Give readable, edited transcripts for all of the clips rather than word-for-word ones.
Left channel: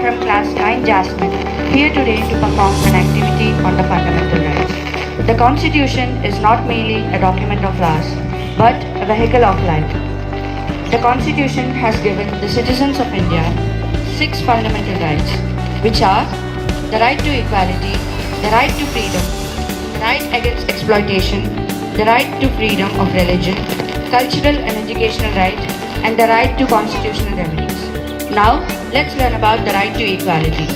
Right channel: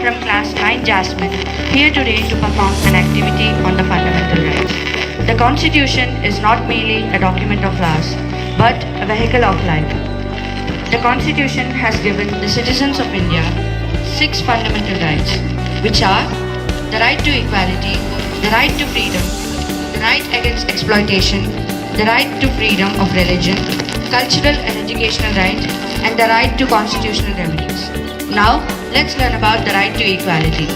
from class 9 Jasmine, here today to perform an activity on the fundamental rights. The Constitution is not merely a document of laws, but a vehicle of life. The Constitution has given the citizens of India 6 fundamental rights, which are the right to equality, the right to freedom, the right against exploitation, the right to freedom of religion, cultural and educational right, and the right to constitutional remedies. Now, let's learn about the right to equality.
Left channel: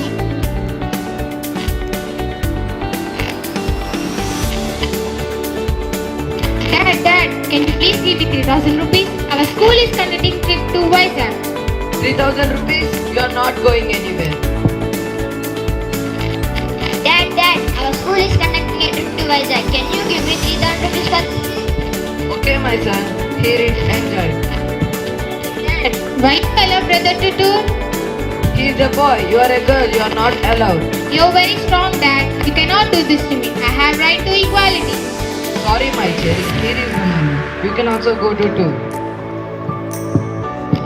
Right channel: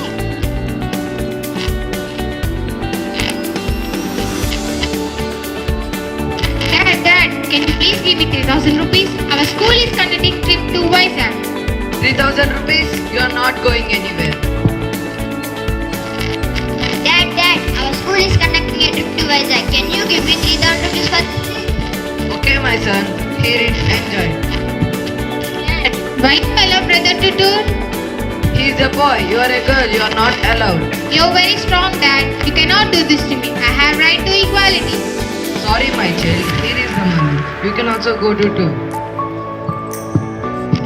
Dad, can you please give me 3,000 rupees? Our school is conducting trip to Vizag. 3,000 rupees? You are not going anywhere. Dad, our school is conducting a trip to Vizag. Can you give me 3,000 rupees for this? Okay, my son. Here it enjoy. Dad, why you allow brother to tour? He is a boy. You are a girl. You are not allowed. You're very strong, Dad. You cannot do this to me. I have right to equality. Sorry, my child. Here is the money. You can also go to tour.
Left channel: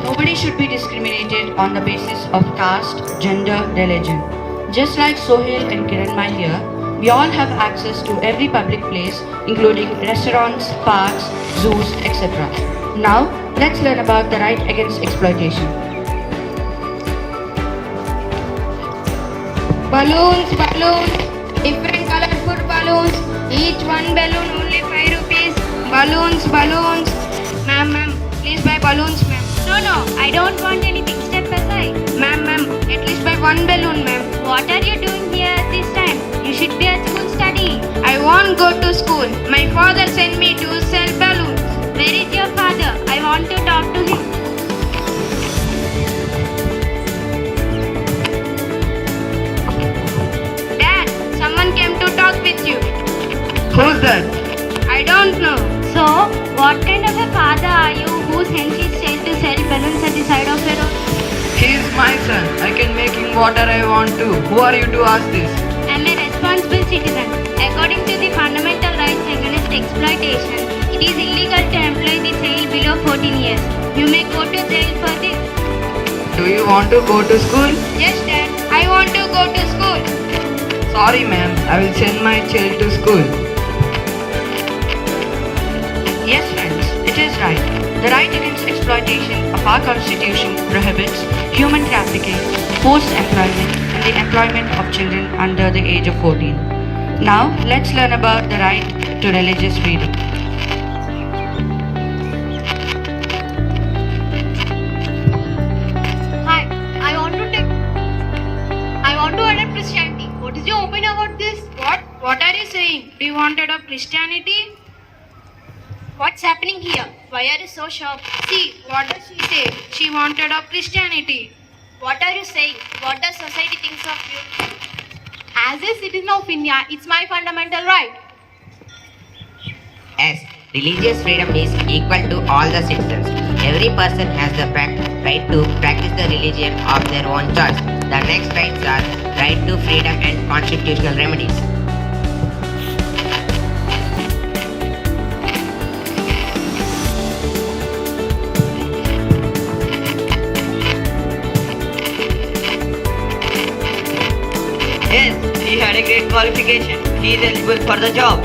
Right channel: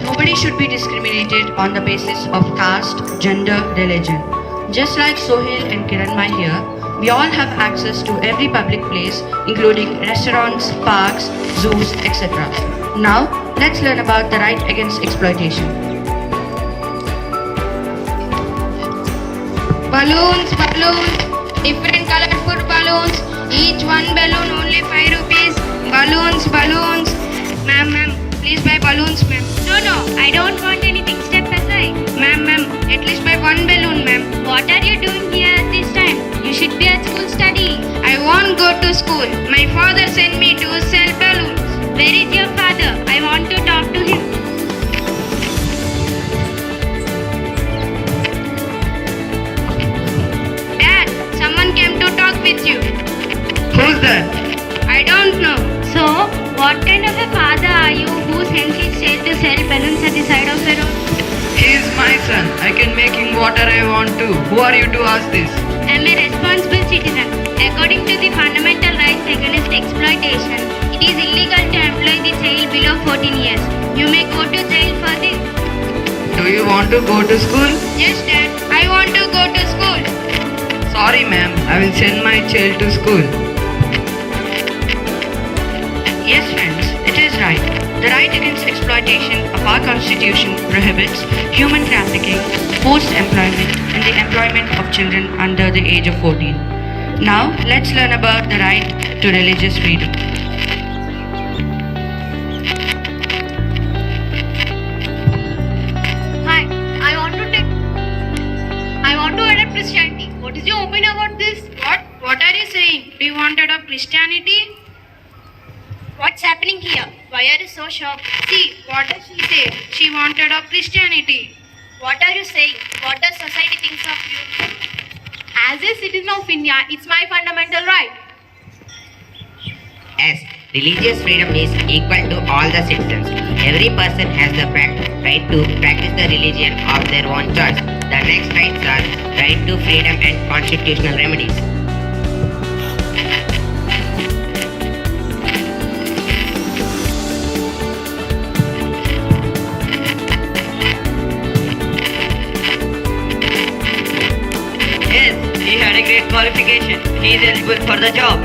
Nobody should be discriminated on the basis of caste, gender, religion. Just like Sohail and Kiranmai here, we all have access to every public place, including restaurants, parks, zoos, etc. Now, let's learn about the right against exploitation. Balloons, different colorful balloons. Each one balloon only 5 rupees. Balloons. Ma'am, please buy balloons, ma'am. No, I don't want anything. Step aside. Ma'am, at least buy one balloon, ma'am. What are you doing here at this time? You should be at school studying. I won't go to school. My father sent me to sell balloons. Where is your father? I want to talk to him. Dad, someone came to talk with you. Who's that? I don't know. So, what kind of a father are you who sends his child to sell balloons at the side of a road? He is my son. I can make him whatever I want to. Who are you to ask this? I am a responsible citizen. According to the fundamental rights against exploitation, it is illegal to employ the child below 14 years. You may go to jail for this. Do you want to go to school? Yes, Dad. I want to go to school. Sorry, ma'am. I will send my child to school. Yes, friends, it is right. The right against exploitation of our Constitution prohibits human trafficking, forced employment, and the employment of children under the age of 14. Now, let's learn about the right to religious freedom. Hi, I want to adopt Christianity. What is your opinion about this? What are you saying? Do you want to adopt Christianity? What's happening here? Why are you so shocked? See, what does she say? She wants to adopt Christianity. What are you saying? What does society think of you? As a citizen of India, it's my fundamental right. As religious freedom is equal to all the citizens, every person has the right to practice the religion of their own choice. The next rights are right to freedom and constitutional remedies. Yes, he had a great qualification. He is eligible for the job.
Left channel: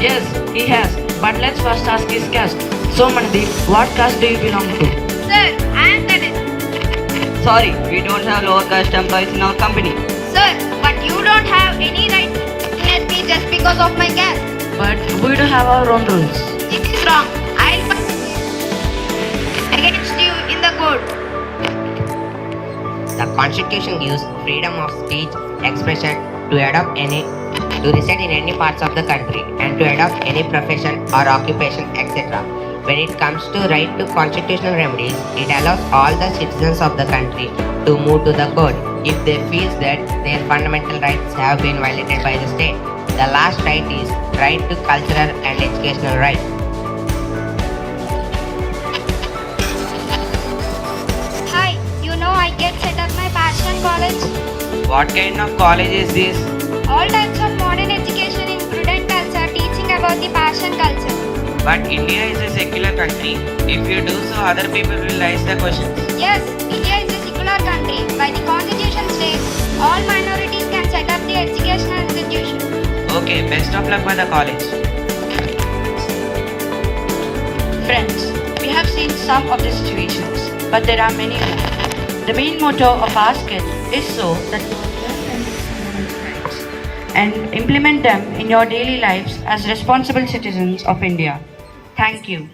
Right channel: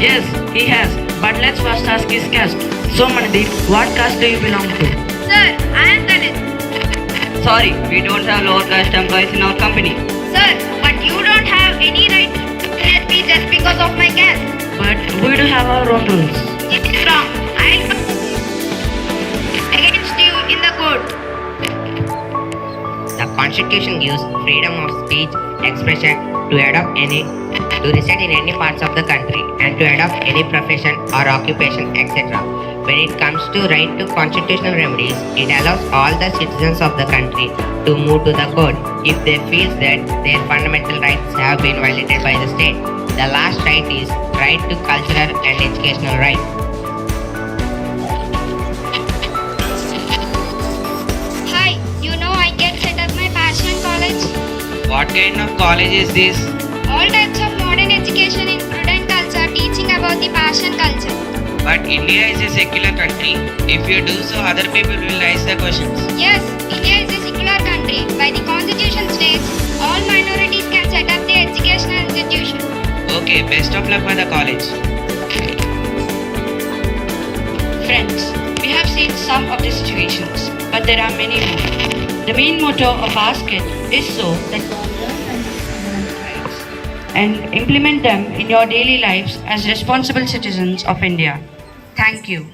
Yes, he has. But let's first ask his caste. So, Mandeep, what caste do you belong to? Sir, I am Ganesh. Sorry, we don't have lower caste employees in our company. Sir, but you don't have any right to discriminate me just because of my caste. But we do have our own rules. It is wrong. I'll come against you in the court. The Constitution gives freedom of speech, expression, to reside in any parts of the country, and to adopt any profession or occupation, etc. When it comes to right to constitutional remedies, it allows all the citizens of the country to move to the court if they feel that their fundamental rights have been violated by the state. The last right is right to cultural and educational rights. Hi, you know I get set at my passion college. What kind of college is this? All types of modern education in student culture, teaching about the passion culture. But India is a secular country. If you do so, other people will raise the questions. Yes, India is a secular country. By the constitution Okay, best of luck for the college. Friends, we have seen some of the situations, but there are many more. The main motto of our skit is so that you learn fundamental rights and implement them in your daily lives as responsible citizens of India. Thank you.